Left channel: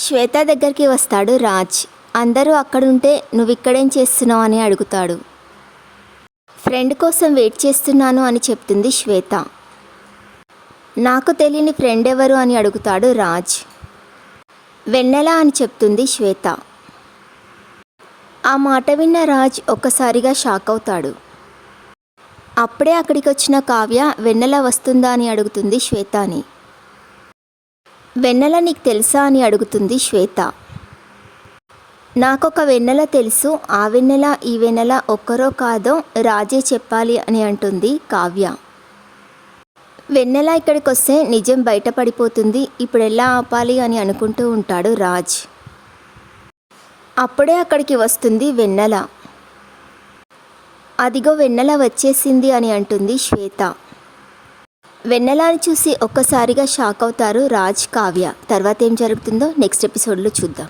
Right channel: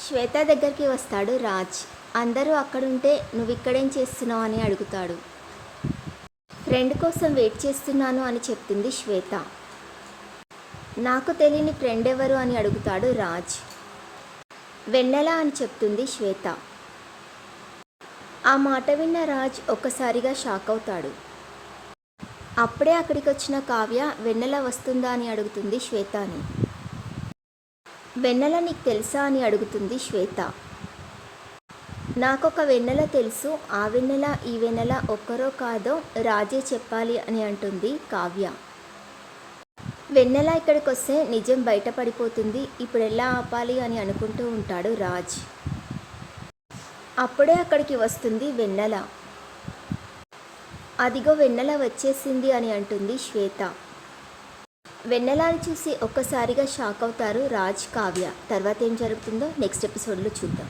శ్వేత దగ్గరికి వస్తాడు రాజ్. అందరూ అక్కడుంటే నువ్విక్కడేం చేస్తున్నావు అని అడుగుతాడు. ఫ్రెండ్ కోసం వెయిట్ చేస్తున్నాను అని చెప్తుంది శ్వేత. నాకు తెలియని ఫ్రెండ్ ఎవరు అని అడుగుతాడు రాజ్. వెన్నెల అని చెప్తుంది శ్వేత. ఆ మాట విన్న రాజ్ ఒక్కసారిగా షాక్ అవుతాడు. అప్పుడే అక్కడికి వచ్చిన కావ్య వెన్నెల వస్తుందా అని అడుగుతుంది శ్వేతని. వెన్నెల నీకు తెలుసా అని అడుగుతుంది శ్వేత. నాకొక వెన్నెల తెలుసు, ఆ వెన్నెల ఈ వెన్నెల ఒక్కరో కాదో రాజే చెప్పాలి అని అంటుంది కావ్య. వెన్నెల ఇక్కడికి వస్తే నిజం బయటపడిపోతుంది, ఇప్పుడు ఎలా ఆపాలి అని అనుకుంటూ ఉంటాడు రాజ్. అప్పుడే అక్కడికి వస్తుంది వెన్నెల. అదిగో వెన్నెల వచ్చేసింది అని అంటుంది శ్వేత. వెన్నెలని చూసి ఒక్కసారిగా షాక్ అవుతారు రాజ్, కావ్య. తర్వాత ఏం జరుగుతుందో నెక్స్ట్ ఎపిసోడ్లో చూద్దాం.